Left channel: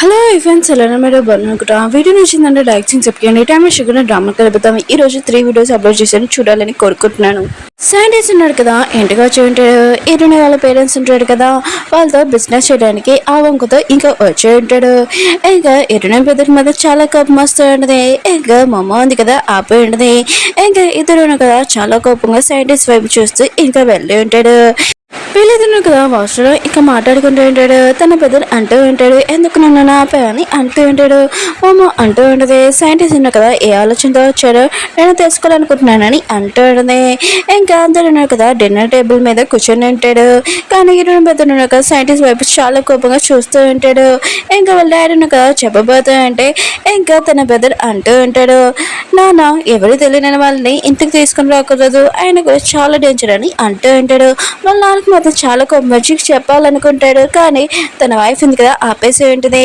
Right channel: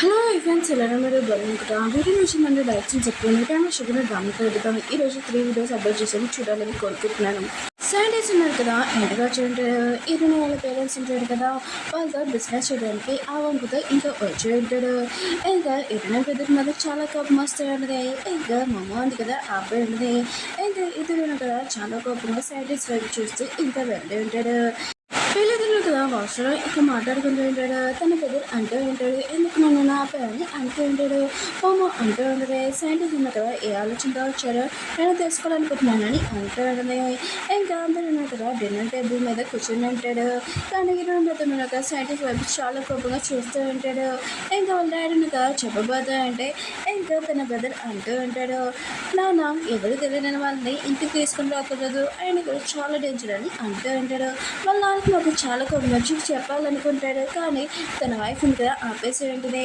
Hello friends ఎలా మీరు బాగున్నారా? వీడియో నచ్చిందంటే లైక్ చేసి చెప్పండి. టైమ్ షుగర్ డ్రామా కలుపుతాం. ఈ రోజు 3 వీడియోస్ అప్లోడ్ చేశాను, చూడాలని కోరుకుంటున్నాను. శాండీస్ ఉన్నాడు కదా, ఇంటికి వచ్చి ఉంటాడు. ఈరోజు వాళ్ళ పేరెంట్స్ ఉంటాడు కదా, వాళ్ళతో బిజినెస్ చేయడానికి ఆ వంకతో ఇంకా వచ్చి ఉంటాడు. ఇంకా ఇరుణ బ్రదర్ మీద చాలా కోపం వస్తూ ఉంటుంది. ఇంకా మమ్మ ఉంది కదా ఆపి ఉంటుంది. ఇంకా ఇద్దరు కదా చాలా కోపంగా శాండీస్ వైపు చూస్తూ ఇంకా వెళ్ళి ఉంటాడు. వీళ్ళిద్దరు కదా వాష్లో ఇంకా మాట్లాడుకుంటూ ఉంటాడు. తన పెద్దలు అంటూ ఉంటాడు, ఎందుకు నన్ను ఆపాయని అంటూ ఉంటాడు. మామ అంటూ ఉంటుంది, సైంటిస్ట్ ఉన్నా కదా ఏ ఆలోచనతో వచ్చాడో నేను తెలుసుకోవాలనుకుంటున్నానని అంటూ ఉంటుంది. ఇంకా అందరూ ఉన్నారు కదా డిన్నర్ టేబుల్ మీద కూర్చొని ఉంటాడు. కానీ ఈరోజు పెద్దలు ఉన్నారు కదా సైంటిస్ట్ వైపు చాలా కోపంగా చూస్తూ ఉంటాడు. ఇంకా వాళ్ళ డాడీ కదా చెప్పబోతూ అంటే ఇంకా తన పెద్దలు అంటూ ఉంటాడు, నాన్న ఎవరు తెలియని వాళ్ళని ఇంటికి తీసుకుని రాకూడదు, ఆయన కూడా చాలా డేంజర్ అని అంటూ ఉంటాడు. వాళ్ళ నాన్నకి మాత్రం చాలా మంచి చెప్పాలనుకుంటాడు. కానీ తన వైఫ్ ఉంది కదా ఆపేసి ఉంటుంది.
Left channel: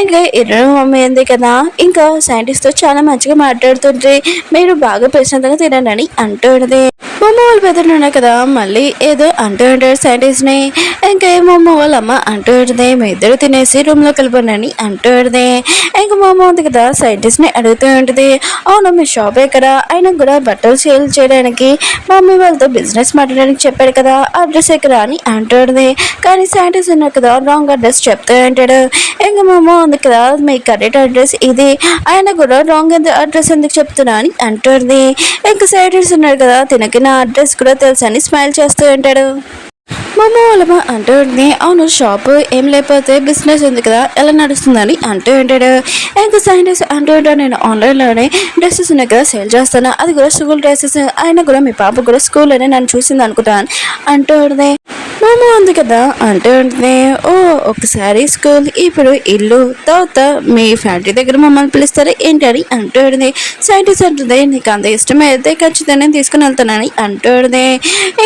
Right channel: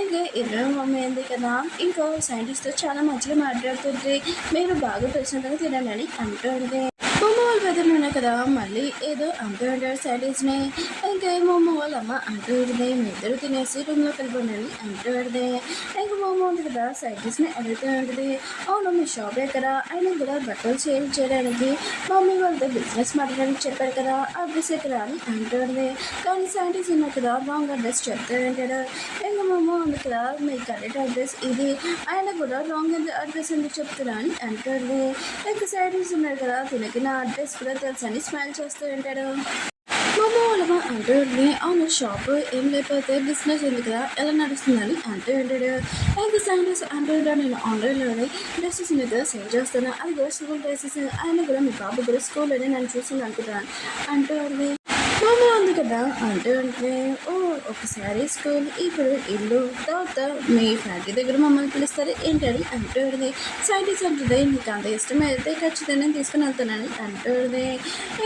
ఇంకా ఇద్దరు మమ్మీ ఉంది కదా ఇంకా సైంటిస్ట్తో చాలా మంచిగా మాట్లాడుతుంటే మీరు బాగా ప్రశాంతంగా తినండి అని అంటూ ఉంటుంది. మమ్మ వాళ్ళ పెద్దలు ఉన్నాయి కదా మళ్ళీ ఏదో అంటూ ఉంటాడు సైంటిస్ట్ని. ఇంకా మమ్మ వాళ్ళ అమ్మ అంటూ ఉంటుంది, మీ ఇద్దరు తినేసి రూమ్లో కలిపండి అని అంటూ ఉంటుంది. ఇంకా మమ్మ ఉంది కదా సైంటిస్ట్ని అడుగుతూ ఉంటుంది, అవును మీ షాప్ ఎక్కడ, ఆయన కూడా బట్టలు సేల్ చేయడానికి మమ్మీ వాళ్ళతో బిజినెస్ మాట్లాడడానికి చెప్పాడు కదా అడ్రస్ ఎక్కడ అని అంటుంది. కానీ సైంటిస్ట్ ఉన్నారు కదా రాంగ్ అడ్రస్ చెప్తూ ఉంటాడు. ఇంకా మమ్మ ఉంది కదా మీ కరెక్ట్ అడ్రస్ ఇది, ఆయన కూడా రాంగ్ అడ్రస్ ఎందుకు చెప్తున్నా అని అంటుంది. ఇంకా సైంటిస్ట్ ఉన్నారు కదా తినకి నా అడ్రస్ కూడా తెలుసు అని స్మైల్ చేస్తూ ఉంటాడు. మమ్మ వాళ్ళ అంటూ ఉంటుంది, అవును షాప్ ఏం లేకపోతే బిజినెస్ ఉంది కదా ఎలా నడుస్తుందని అంటూ ఉంటాడు. ఇంకా సైంటిస్ట్ అంటూ ఉంటాడు, నేను ఆన్లైన్లోనే డ్రెస్సెస్ ఉన్నాయి కదా సేల్ చేస్తాను, అది కూడా స్కూల్ డ్రెస్సెస్, ఆయన కూడా మీ పాప కూడా స్కూల్లోనే నన్ను చూసింది అనుకుంటాను అంటూ ఉంటుంది. మమ్మ ఉంది కదా అంటూ ఉంటుంది, ఓ ఒకసారి స్కూల్ ఇప్పుడు ఇల్లు తర్వాత మీ ఫ్యాక్టరీ దగ్గర మమ్మల్ని పిలుస్తారు ఏంటి అని అంటూ ఉంటుంది. సైంటిస్ట్ అంటుంది, నీకు అంత ఇష్టమైతే ఖచ్చితంగా నేను తీసుకుని వెళ్తానని అంటూ ఉంటుంది.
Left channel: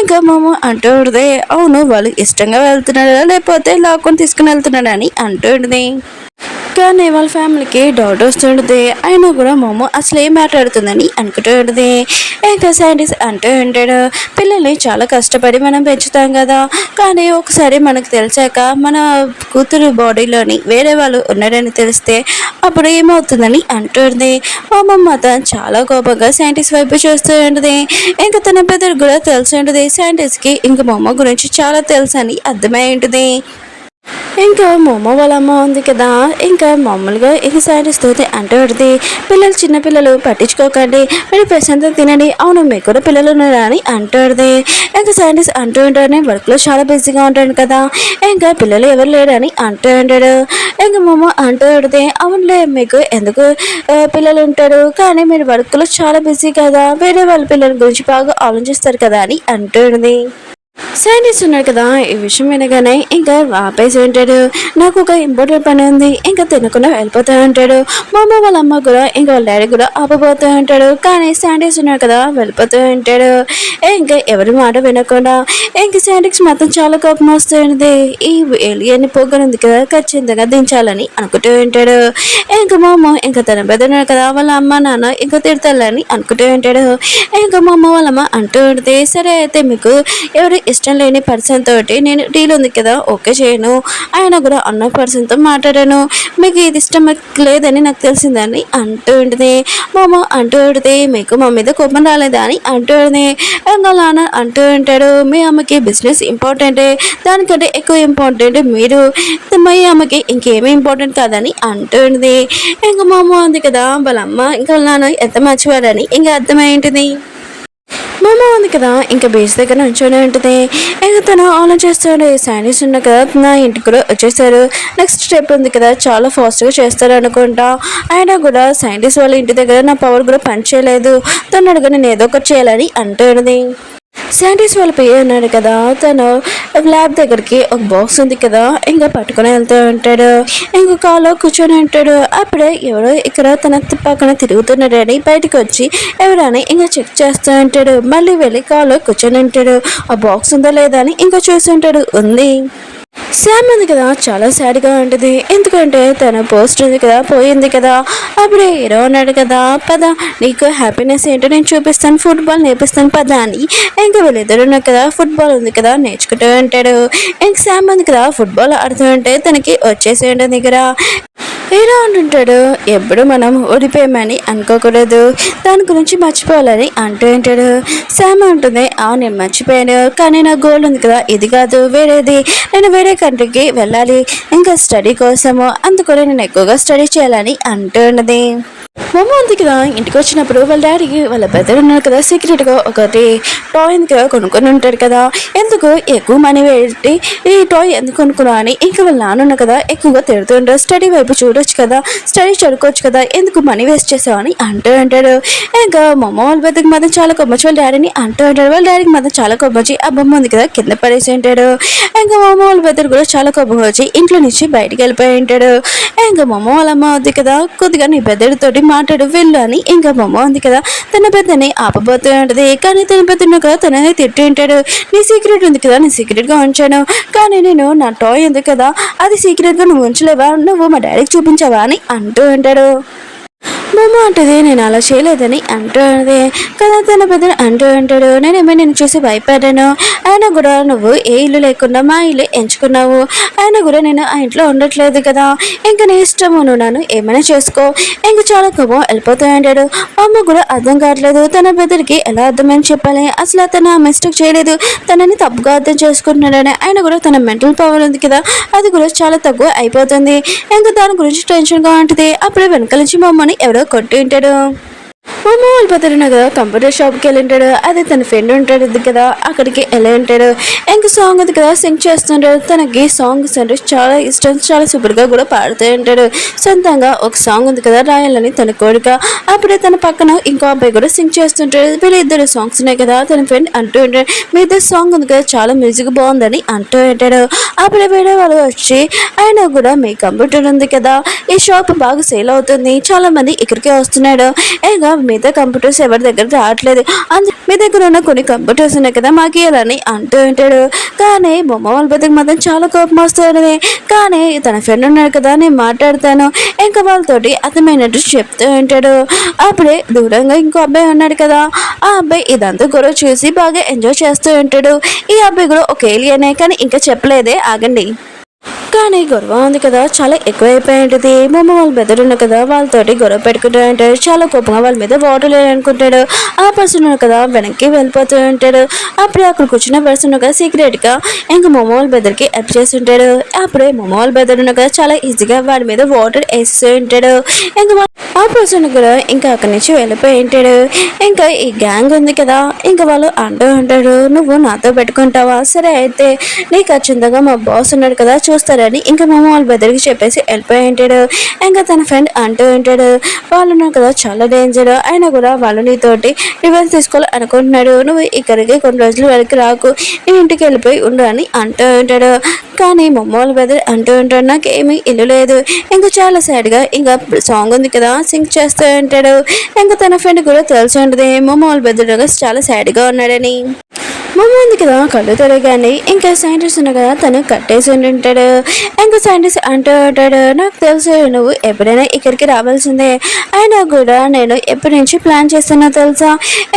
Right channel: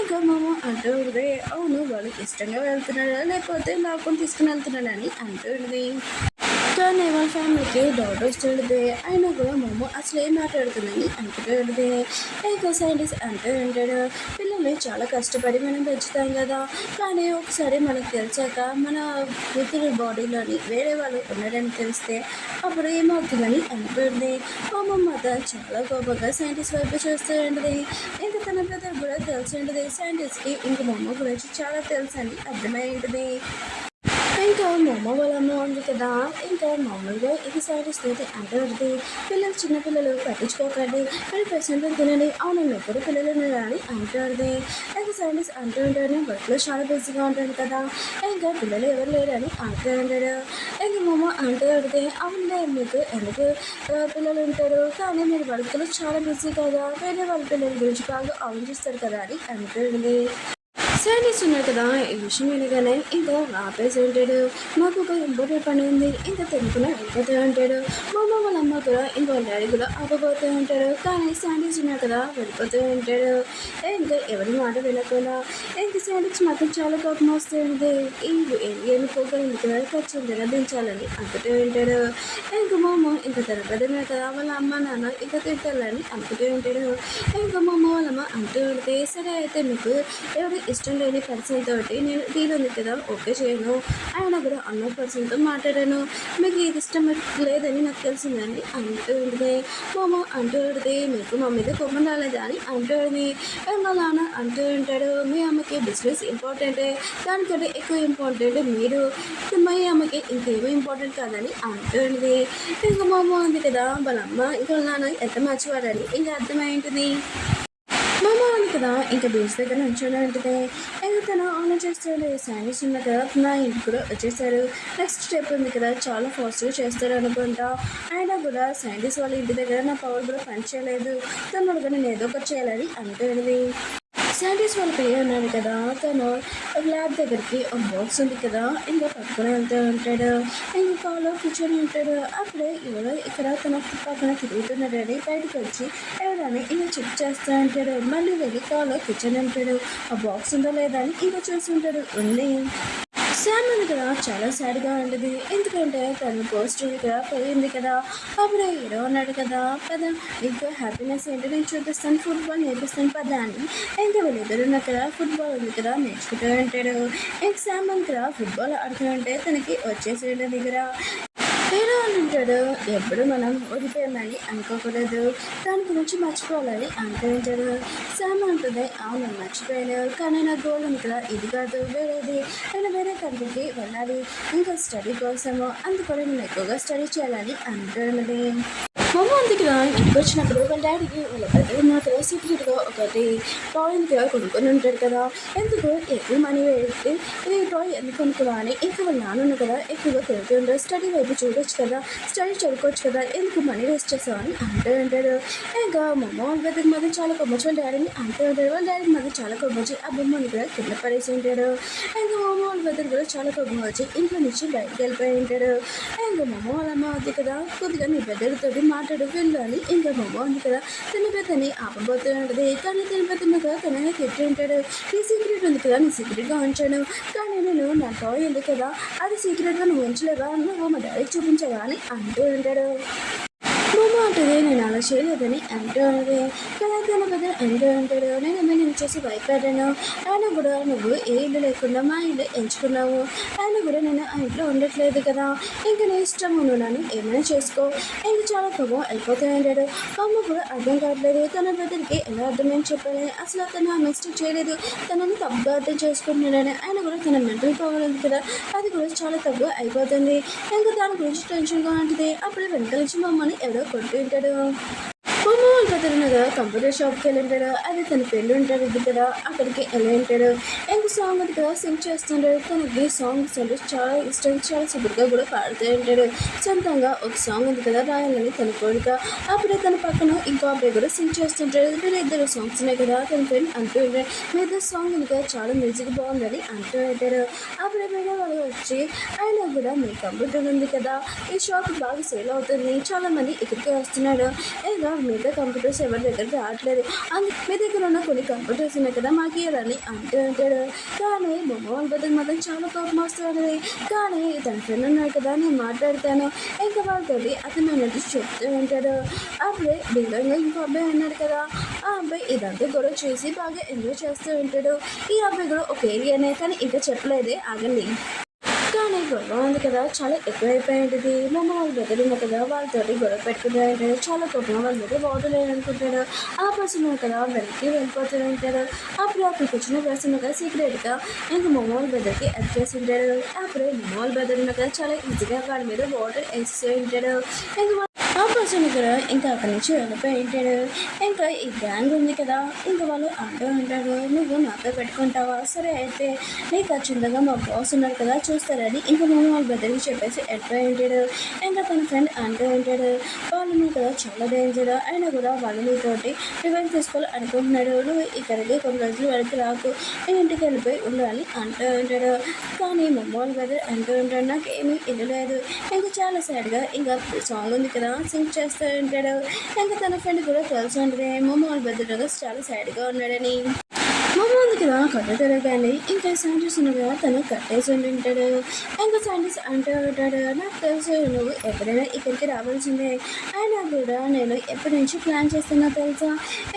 ఇంకా మమ్మ అంటూ ఉంటుంది, అవును వాళ్ళు ఇష్టంగా వెళ్తున్నారా లేకపోతే లాక్కొని తీసుకుని వెళ్తున్నాడా అని అంటూ ఉంటుంది. కానీ వాళ్ళ ఫ్యామిలీకి డౌట్ వస్తుంటుంది, అయినా కూడా మమ్మ అసలు ఏం మాట్లాడుతుందని అనుకుంటూ ఉంటుంది. ఇంకా సైంటిస్ట్ అంటూ ఉంటాడు, పిల్లల్ని చాలా కష్టపడి మనం పెంచుతాం కదా, కానీ ఒకసారి మనకు తెలిసాక మన కూతురు బాడీలోని వేరే వాళ్ళు ఉన్నారని తెలిస్తే అప్పుడు ఏమవుతుందని అంటుంది. మమ్మ మాత్రం చాలా కోపంగా సైంటిస్ట్ వైపు చూస్తూ ఉంటుంది. ఇంకా తన పెద్దలు కూడా తెలిసి ఉంటుంది సైంటిస్ట్కి ఇంకా మమ్మ గురించి చాలా తెలుసు అని అర్థమై ఉంటుంది. ఇంకా మమ్మ వాళ్ళ అమ్మ ఉంది కదా ఇంకా మామూలుగా ఇక సైంటిస్ట్ అంటూ ఉంటుంది, పిల్లలు చిన్నపిల్లలు పట్టించుకోకండి, మీరు ప్రశాంతంగా తినండి, అవును మీకు కూడా పిల్లలు ఉన్నారా అని అంటుంది. ఇంకా సైంటిస్ట్ అంటూ ఉంటాడు, వర్క్లో చాలా బిజీగా ఉంటాడు కదా ఇంకా పిల్లలు ఎవరు లేరని అంటూ ఉంటాడు. ఇంకా మమ్మ అంటూ ఉంటుంది, అవునులే మీకు ఎందుకు పిల్లలు ఉంటారు, కానీ మీరు వర్క్లో చాలా బిజీ కదా, వేరే వాళ్ళ పిల్లల గురించి బాగా ఆలోచిస్తారు కదా అని అంటుంది. సైంటిస్ట్ ఉన్నాడు కదా ఈ విషయం వినగానే ఇంకా ఆపేసి ఉంటాడు, నాకు ఒక ఇంపార్టెంట్ పని ఉంది ఇంకా తినకుండా వెళ్ళిపోతూ ఉంటాడు. మా అమ్మ వాళ్ళ అమ్మ కూడా ఇంకా వాళ్ళ డాడీ కూడా ఆపబోతూ ఉంటాడు. కానీ సైంటిస్ట్ ఉన్నాడు కదా వెళ్ళిపోతూ ఉంటాడు. ఇంకా ఎవరి మాట వినకుండా ఇంకా సైంటిస్ట్ మాత్రం చాలా కోపం వస్తుంది, ఈ ఏలియన్ పోగనుంది కదా ఖచ్చితంగా దించాలని అనుకుంటూ ఉంటాడు. ఇంకా మా అమ్మ ఇంకా తన పెద్దన్నాడు కదా వాళ్ళ అమ్మ నాన్న ఇంకా తిడతాలని అనుకుంటూ ఉంటాడు. ఇంకా మా అమ్మ వాళ్ళ అమ్మ అంటూ ఉంటుంది, సరే అయితే మీకు ఎవరు ఇష్టం లేని పర్సన్ తోటి నేను డీల్ ఉంది కదా ఓకే చేయను, ఆయన కూడా అన్న పర్సన్తో మాట్లాడాను, మీకు ఇది ఇష్టం లేదని నాకు తెలిసిందని అంటూ ఉంటుంది. మామ అంటూ ఉంటుంది, మీకు మా మీద కోపం రాలేదా అని అంటూ ఉంటుంది. ఇంకా నాన్న అంటూ ఉంటాడు, మీ అమ్మకి బిజినెస్ ఇంపార్టెంటే, దానికంటే ఎక్కువ ఇంపార్టెంట్ మీరు, మీ అమ్మకి ఇంకేమీ ఇంపార్టెంట్ కాదని అంటూ ఉంటుంది. ఇంకా మా అమ్మ ఉంది కదా వాళ్ళ అమ్మ ఇంకా నాన్న ఎంత మంచివారని ఇంకా అర్థమై ఉంటుంది. మమ్మ ఉంది కదా ఇంకా బీచ్ దగ్గర నుంచోనే ఉంటుంది. ఇంకా తను ఆలోచిస్తాడు, సైనిస్ ఉన్న కదా నా ఇంటికి కూడా వచ్చేసారు, నెక్స్ట్ స్టెప్ ఉంది కదా చాలా ఫాస్ట్గా చేస్తారు అనుకుంటా, అయినా కూడా సైంటిస్ట్ వాళ్ళ ఇంటి దగ్గర నా పవర్ కూడా పని చేయలేదు, తను అడుగు నేను ఏదో ఒకటి చేయాలని అంటుంది. సైంటిస్ట్ వాళ్ళ పేరు ఉన్నాడు కదా తను ల్యాబ్ దగ్గరికి ఒక బాక్స్ ఉంది కదా ఇంకా పట్టుకుని వెళ్తూ ఉంటాడు. ఇంకా కాలో కూర్చొని ఉంటాడు. అప్పుడే ఎవరో ఇక్కడ తన పక్కన తిరుగుతున్నాడని బయటకు వచ్చి ఎవరైనా ఇంకా చెక్ చేస్తూ ఉంటాడు. మళ్ళీ వెళ్ళి కాలో కూర్చొని ఉంటాడు. ఆ బాక్స్ ఉందా లేదా అని ఇంకా చూస్తుంటాడు, ఉంది. శామ్ ఉంది కదా చాలా సాడ్గా ఉంటుంది, ఎందుకంటే తన పోస్ట్ ఉంది కదా పోయింది కదా. అప్పుడే హీరో ఉన్నాడు కదా, పద నీకు హ్యాపీనెస్ ఏంటో నేను చూపిస్తాను, ఫుట్బాల్ నేర్పిస్తాను పద అని ఇంకా వీళ్ళిద్దరు ఉన్నారు కదా ఫుట్బాల్ ఉంది కదా నేర్చుకుంటూ ఉంటాడు. ఇంక శామ్ ఉంది కదా ఫుట్బాల్ ఆడుతూ ఉంటే తనకి వచ్చేసి ఉంటుంది దగ్గర. ఇలా అంటుంటాడు. ఎప్పుడు మనం ఓడిపోయామని అనుకోకూడదు, దాని గురించి మర్చిపోవాలని అంటూ ఉంటాడు. శామ్ ఉంటుంది, నేను మర్చిపోయాను, కానీ నా గోల్ ఉంది కదా, ఇది కాదు వేరేది, నేను వేరే కంట్రీకి వెళ్ళాలి ఇంకా స్టడీ కోసము, అందుకని నేను ఎక్కువగా స్టడీ చేయాలని అంటూ ఉన్నది. మమ్మ ఉంది కదా, ఇంటికి వచ్చినప్పుడు వాళ్ళ డాడీకి వాళ్ళ బ్రదర్ ఉన్నారు కదా, సీక్రెట్గా ఒకటి టాయ్ కదా కొనుక్కొని ఉంటాడు కదా, ఎందుకు ఎక్కువ మనీ పెట్టి ఈ టాయ్ ఎందుకు కొనుక్కున్నావు అని ఇంకా వాళ్ళ నాన్న కదా ఎక్కువగా తిడుతుంటారు. స్టడీ వైపు చూడొచ్చు కదా, స్టడీ చదువుకోవచ్చు కదా, ఎందుకు మనీ వేస్ట్ చేసావు అని అంటూ ఉంటాడు. ఇంకా మమ్మ వాళ్ళ బ్రదర్కి మాత్రం చాలా కొమ్మచ్చి వాళ్ళ డాడీని అంటూ ఉంటాడు. వాళ్ళ డాడీకి మాత్రం చాలా కొమ్మచ్చి ఆ బొమ్మ ఉంది కదా కింద పడేసి ఉంటాడు. ఇంకా మమ్మ వాళ్ళ బ్రదర్ కూడా చాలా కోపం వచ్చి ఇంట్లో నుంచి బయటికి వెళ్ళిపోయి ఉంటాడు. ఇంకా మమ్మ వాళ్ళ అమ్మ ఉంది కదా, కొద్దిగా నీ బ్రదర్ తోటి మాట్లాడు వెళ్ళు అని ఇంకా బొమ్మ ఉంది కదా తన పెద్దని ఆపబోతూ ఉంటుంది. కానీ తన పెద్దను కదా తననే తిట్టి ఉంటాడు. నీ సీక్రెట్ ఉంది కదా, నీ సీక్రెట్గా ఉంచాను, కానీ నేను నా టాయ్ ఉంది కదా అది సీక్రెట్గా నువ్వు ఉంచలేవా, నువ్వు మా డాడీకి చూపించావా అని అంటూ ఉంటాడు. మమ్మ అంటది, నేను అలా చేయలేదని అంటూ ఉంటుంది కదా. తన పెద్దని అంటూ ఉంటాడు, నేనేమో నేను చూసి భయపడ్డాను, అయినా కూడా నువ్వు ఏ ఇల్లు లేకుండా మా ఇల్లు ఎంచుకున్నావు, అయినా కూడా నేను ఆ ఇంట్లో ఉండట్లేదు కదా, ఇంకా నీ ఇష్టము, నువ్వు నన్ను ఏమైనా చేసుకో, ఇంకా చాలా కోపం వెళ్ళిపోతూ ఉంటాడు. అమ్మ కూడా అర్థం కావట్లేదు తన పెద్దరికి ఎలా అర్థమని చెప్పాలి, అసలు తన మిస్టేక్ చేయలేదు, తనని తప్పుగా అర్థం చేసుకుంటున్నాడని, అయినా కూడా తన మెంటల్ పవర్ ఉంది కదా అది కూడా చాలా తక్కువ అయిపోతుంది. ఇంకా దాని గురించి టెన్షన్గా ఉంటుంది. అప్పుడే వెనకాల నుంచి మా అమ్మని ఎవరో కొట్టి ఉంటాడు. మమ్మ వాళ్ళ పెద్దలు కదా కంప్యూటర్ షాప్కి వెళ్ళి ఉంటాడు. అదే తన ఫ్రెండ్ ఉంటాడు కదా అక్కడికి వెళ్ళి ఉంటాడు. ఇంకా సాంగ్ ఉంది కదా సింగ్ చేస్తుంటాడు. తనకి సాంగ్స్ అంటే చాలా ఇష్టం, చాలా సూపర్గా కూడా పాడుతూ ఉంటాడు. సొంతంగా ఒక సాంగ్ ఉంది కదా రాయాలని తన కోరిక. అప్పుడే తన పక్కన ఇంకో అబ్బాయి కూడా సింగ్ చేస్తుంటాడు. వీళ్ళిద్దరు సాంగ్స్ ఉన్నాయి కదా తన ఫ్రెండ్ అంటూ ఉంటాడు, మీ ఇద్దరు సాంగ్ ఉంది కదా చాలా మ్యూజిక్ బాగుందని అంటూ ఉంటాడు. అప్పుడే వేరే వాళ్ళు వచ్చి అయినా కూడా మీ కంప్యూటర్ ఉంది కదా ఈ షాప్ బాగా సేల్ అవుతుంది, చాలా మంది ఇక్కడికే వస్తున్నాడు, ఇంకా మిగతా కంప్యూటర్స్ ఎవరి దగ్గర రావట్లేదు, మీ దగ్గర ఉన్న కొన్ని కంప్యూటర్స్ ఉన్నాయి కదా మాకు ఇవ్వాలని అంటూ ఉంటాడు. కానీ బొమ్మ వాళ్ళ బతికి మాత్రం చాలా కోపం వస్తుంది. కానీ తన ఫ్రెండ్ ఉన్నాడు కదా నేను మాట్లాడతాను ఇంకా వాళ్ళతోటి అర్థమైనట్టు చెప్తూ ఉంటాడు. అప్పుడే దూరంగా ఇంకో అబ్బాయి ఉన్నాడు కదా, ఆ అబ్బాయి ఇదంతా గొడవ చూసి బాగా ఎంజాయ్ చేస్తూ ఉంటాడు. ఈ అబ్బాయి కూడా ఒక ఏలియనే, కానీ ఇంకా చెప్పలేదే, ఆగండి. కానీ గొడవ ఉంది కదా చాలా ఎక్కువైపోయి ఉంటుంది. మమ్మ వాళ్ళ బెదరున్న కదా వాళ్ళతోటి గొడవ పెట్టుకుంటూ ఉంటాడు. చాలా కోపంగా వాళ్ళ మీద వాటర్ లేదనుకుంటాడు. ఆ పర్సన్ కదా వెనక్కి వెళ్ళిపోతూ ఉంటాడు. అప్పుడే అక్కడ కూర్చున్న పర్సన్ కదా సీక్రెట్గా ఇంకా మమ్మ వాళ్ళ బెదర్కి హెల్ప్ చేస్తుంటాడు. అప్పుడే మమ్మ వాళ్ళ బెదరున్న కదా చాలా ఈజీగా వాడి మీద వాటర్ వేస్తూ ఉంటాడు. ఇంకా ఆ పర్సన్ కూడా ఇంకా అక్కడి నుంచి వెళ్ళిపోయి ఉంటాడు. ఇంకా ఈ గ్యాంగ్ ఉంది కదా ఇంకా వాళ్ళు అంటూ ఉంటాడు, నువ్వు నాతో పెట్టుకుంటావా, సరే అయితే నీకు ఖచ్చితంగా మా బాస్ ఉన్నాడు కదా చూస్తారని ఇంకా మమ్మ వాళ్ళ బెదరికి చెప్పేసి వెళ్ళిపోయి ఉంటాడు. ఇంకా తన ఫ్రెండ్ అంటూ ఉంటాడు, వాళ్ళు ఉన్నారు కదా చాలా డేంజర్, అయినా కూడా వాళ్ళు నీతోటి రివెంజ్ తీసుకోవాలి అనుకుంటున్నాడు, నువ్వు ఇక్కడికి కొన్ని రోజులు వెనక్కి రాకు, నీ ఇంటికి వెళ్ళిపోయి ఉండు అని అంటూ ఉంటాడు. కానీ మమ్మ వాళ్ళ బెదర్ అంటూ ఉంటాడు, నాకు ఏమీ ఇల్లు లేదు, ఇంకా చాలా సాడ్గా ఇంకా సాంగ్ ఉంది కదా సింగ్ చేస్తూ ఉంటాడు. ఇంకా తన ఫ్రెండ్ కూడా తెలిసి ఉంటుంది మమ్మ వాళ్ళ బెదర్ చాలా సాడ్గా ఉన్నాడని. మమ్మ ఉంది కదా కళ్ళు తిరగానే ఇంకా సైంటిస్ట్ ఉన్న కదా తను కట్టేసి ఉంటాడు. ఇంకా సైంటిస్ట్ అంటూ ఉంటాడు, నాకు తెలుసు నువ్వు ఎప్పుడైనా ఇక్కడికి రావాల్సిందే, అయినా కూడా నేను ఎప్పటి నుంచి ప్లాన్ చేస్తున్నా తెలుసా,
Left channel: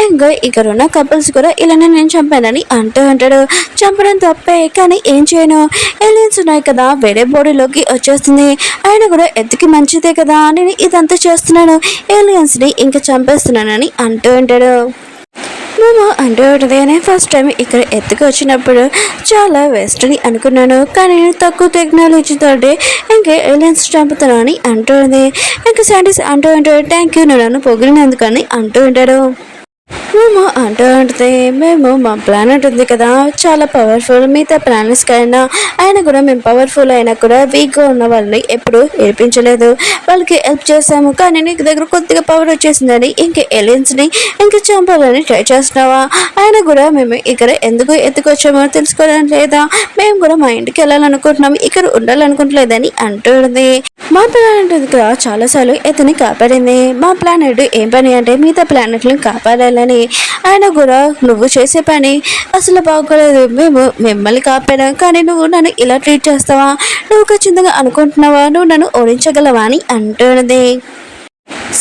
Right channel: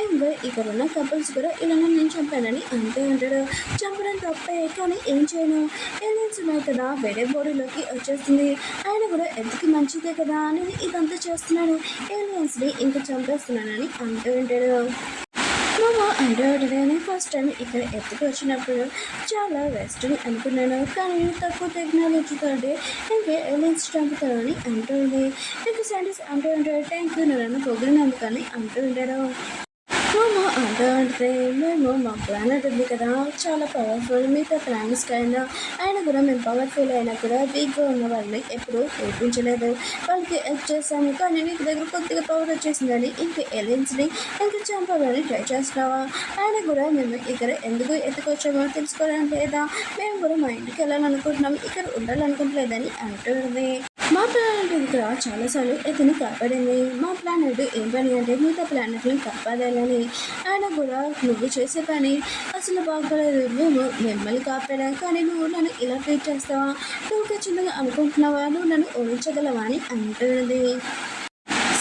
ఇంకా ఇక్కడ ఉన్న కపుల్స్ కూడా ఇలానే నేను చంపానని అంటూ ఉంటాడు. చంపడం తప్పే, కానీ ఏం చేయను, ఏలియన్స్ ఉన్నాయి కదా వేరే బాడీలోకి వచ్చేస్తుంది, అయినా కూడా ఎత్తుకి మంచిదే కదా నేను ఇదంతా చేస్తున్నాను, ఏలియన్స్ని ఇంకా చంపేస్తున్నానని అంటూ ఉంటాడు. మేము అంటూ ఉంటుంది, ఫస్ట్ టైం ఇక్కడ ఎత్తుకు వచ్చినప్పుడు చాలా వేస్ట్ అని అనుకున్నాను, కానీ తక్కువ టెక్నాలజీతో ఇంకా ఏలియన్స్ చంపుతాను అని అంటుంది. ఇంకా సైంటిస్ట్ అంటూ ఉంటాడు, థ్యాంక్ యూ నువ్వు నన్ను పొగిడినందుకని అంటూ ఉంటాడు. మేము అంటూ ఉంటుంది, మేము మా ప్లానెట్ ఉంది కదా చాలా పవర్ఫుల్, మిగతా ప్లానెట్స్ కైనా అయినా కూడా మేము పవర్ఫుల్ అయినా కూడా వీక్గా ఉన్న వాళ్ళని ఎప్పుడు ఏడిపించలేదు, వాళ్ళకి హెల్ప్ చేస్తాము, కానీ నీకు దగ్గర కొద్దిగా పవర్ వచ్చేసిందని ఇంక ఏలియన్స్ని ఇంకా చంపాలని ట్రై చేస్తున్నావా, అయినా కూడా మేము ఇక్కడ ఎందుకు ఎత్తుకొచ్చామో తెలుసుకోవడం లేదా, మేము కూడా మా ఇంటికి వెళ్ళాలనుకుంటున్నాము, ఇక్కడ ఉండాలనుకుంటలేదని అంటుంది. మా ప్లానెట్ కదా చాలాసార్లు ఎత్తుని కాపాడింది, మా ప్లానెట్ ఏం పని అంటే మిగతా ప్లానెట్లను కాపాడాలని, అయినా కూడా నువ్వు చేసే పని అసలు బాగోలేదు, మేము మిమ్మల్ని కాపాడాం, కానీ నువ్వు నన్ను ఇలా ట్రీట్ చేస్తావా, నువ్వు ఖచ్చితంగా అనుకుంటున్నావా నువ్వు నన్ను ఓడించగలవా అని అంటున్నది.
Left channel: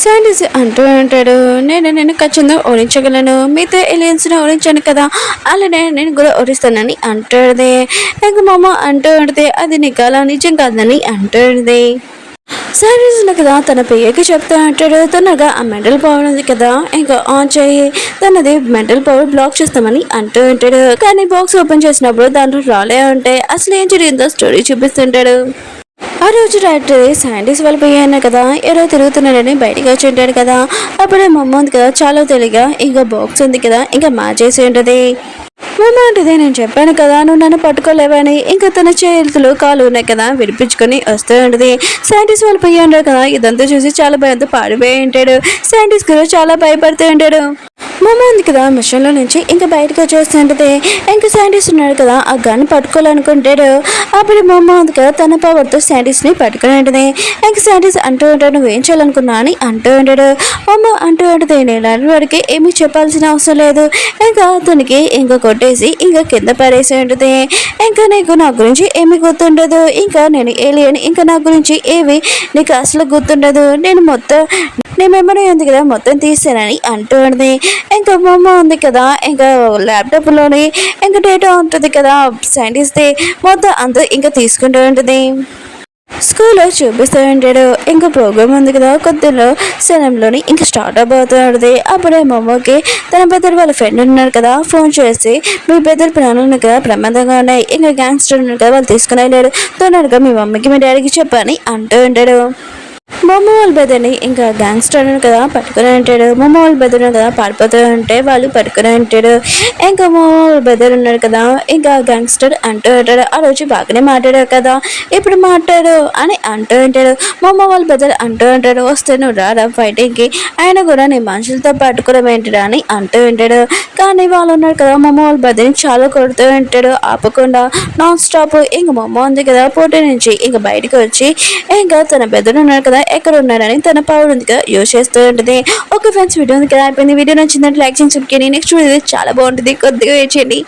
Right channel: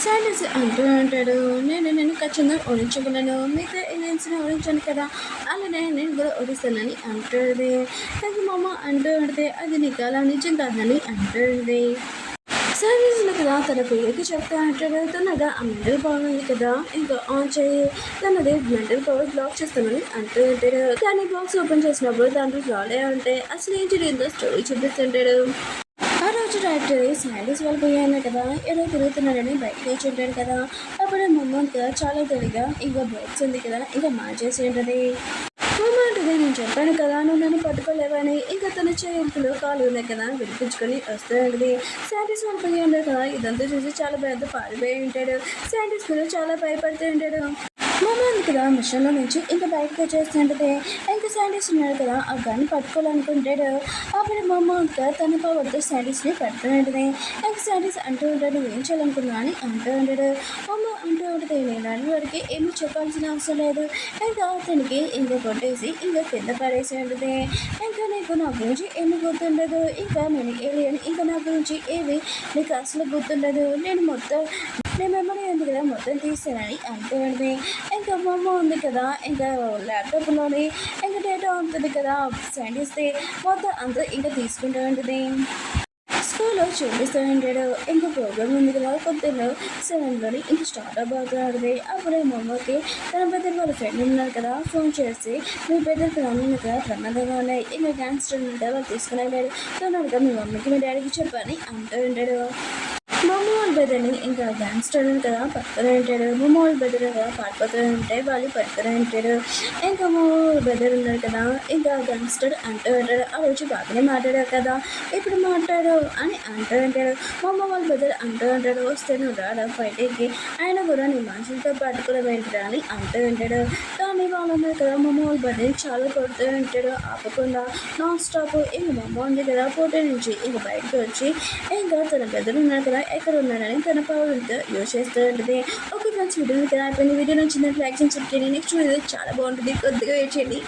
సైంటిస్ట్ అంటూ ఉంటాడు, నేను ఖచ్చితంగా ఓడించగలను, మిగతా ఏలియన్స్ని ఓడించాను కదా అలానే నేను కూడా ఓడిస్తానని అంటుంది. ఇంకా మామ అంటూ ఉంటుంది, అది నీకు అలా నిజం కాదని అంటుంది. శాండీస్ ఉంది కదా తన పియ్యకి చెప్తా అంటాడు. తనగా ఆ మెంటల్ పవర్ ఉంది కదా ఇంకా ఆన్ చేయి, తనది మెంటల్ పవర్ బ్లాక్ చేస్తామని అంటూ ఉంటాడు. కానీ బాక్స్ ఓపెన్ చేసినప్పుడు దాంట్లో రాలే ఉంటే అసలు ఏం జరిగిందో స్టోరీ చూపిస్తుంటాడు. ఆ రోజు రాత్రి శాండీస్ వాళ్ళ పోయాను కదా ఎవరో తిరుగుతున్నాడని బయటకు వచ్చి ఉంటాడు కదా. అప్పుడే మా అమ్మ ఉంది కదా చాలా తెలియగా ఇంకా బాక్స్ ఉంది కదా ఇంకా మార్చేసి ఉంటుంది. మమ్మ అంటది నేను చెప్పాను కదా నువ్వు నన్ను పట్టుకోలేవని. ఇంకా తన చేతులు కాలు ఉన్నాయి కదా విడిపించుకొని వస్తూ ఉంటుంది. శాండీస్ వాళ్ళు పోయి ఉంటాడు కదా ఇదంతా చూసి చాలా భయంతో పాడిపోయి ఉంటాడు. శాండీస్ కూడా చాలా భయపడుతూ ఉంటాడు. మమ్మ ఉంది కదా మిషన్లో నుంచి ఇంకా బయటకు వచ్చేస్తుంటది. ఇంకా శాండీస్ ఉన్నాడు కదా ఆ గన్ పట్టుకోవాలనుకుంటాడు. అప్పుడు మమ్మ ఉంది కదా తన పవర్తో శాండీస్ని పట్టుకుని ఉంటుంది. ఇంకా శాండీస్ అంటూ ఉంటాడు నువ్వేం చేయాలనుకున్నా అని అంటూ ఉంటాడు. మమ్మ అంటూ ఉంటుంది నేను వాడికి ఏమీ చెప్పాల్సిన అవసరం లేదు. ఇంకా అతనికి ఇంకా కొట్టేసి ఇంకా కింద పడేసి ఉంటుంది. ఇంకా నీకు నా గురించి ఏమీ గుర్తుండదు. ఇంకా నేను ఏలియన్ ఇంకా నా గురించి ఏవి నీకు అసలు గుర్తుండదు. నేను మెమరీ ఉంది కదా మొత్తం తీసానని అంటూ ఉంటుంది. ఇంకా మమ్మ ఉంది కదా ఇంకా ల్యాప్టాప్లోని ఇంకా డేటా ఉంటుంది కదా సైంటిస్ట్ది మొత్తం అంతా ఇంకా తీసుకుంటూ ఉంటుంది. స్కూల్లో చూపిస్తూ ఉంటాడు. ఇంకా ప్రోగ్రామ్ ఉంది కదా కొద్దిలో శనంలోని ఇంకా స్టార్ట్ అయిపోతుంది. అప్పుడే మమ్మకి తన పెద్దలు వాళ్ళ ఫ్రెండ్ ఉన్నారు కదా ఫోన్ చేసి మీ పెద్దల ప్రాణాలు కదా ప్రమాదంగా ఉన్నాయి ఇంకా గ్యాంగ్స్టర్ ఉన్నారు కదా వాళ్ళు తీసుకుని వెళ్ళారు తొందరగా మీ మమ్మీకి మీ డాడీకి చెప్పని అంటూ ఉంటాడు. మమ్మ వాళ్ళ బెదర్ని ఇంకా గ్యాంగ్స్టర్ కదా పట్టుకుని ఉంటాడు. మమ్మ వాళ్ళ బెదర్ కదా పారిపోతూ ఉంటే వాళ్ళు పట్టుకుని ఉంటాడు. ఇంకా మమ్మ వాళ్ళ బెదర్ ఉన్నాడు కదా ఇంకా గ్యాంగ్స్టర్ అంటూ ఉంటాడు ఆ రోజు బాగానే మాట్లాడాడు కదా ఇప్పుడు మాట్లాడు అని అంటూ ఉంటాడు. మమ్మ వాళ్ళ బెదర్ అంటూ ఉంటాడు వస్తే నువ్వు రారా ఫైటింగ్కి ఆయన కూడా నీ మనుషులతో పట్టుకోవడం ఏంటిరా అని అంటూ ఉంటాడు. కానీ వాళ్ళు ఉన్నారు కదా మమ్మ వాళ్ళ బెదర్ని చాలా కొడుతూ ఉంటాడు ఆపకుండా నాన్ స్టాప్. ఇంకా మమ్మ ఉంది కదా పోటీ నుంచి ఇంకా బయటకు వచ్చి ఇంకా తన బెదర్ ఉన్నారు కదా ఎక్కడ ఉన్నారని తన పవర్ ఉంది కదా యూజ్ చేస్తూ ఉంటుంది. ఓకే ఫ్రెండ్స్ వీడియో ఉంది కదా అయిపోయింది. వీడియో నచ్చిందంటే లైక్ చేయండి. నెక్స్ట్ వీడియో చాలా బాగుంటుంది కొద్దిగా వెయిట్ చేయండి.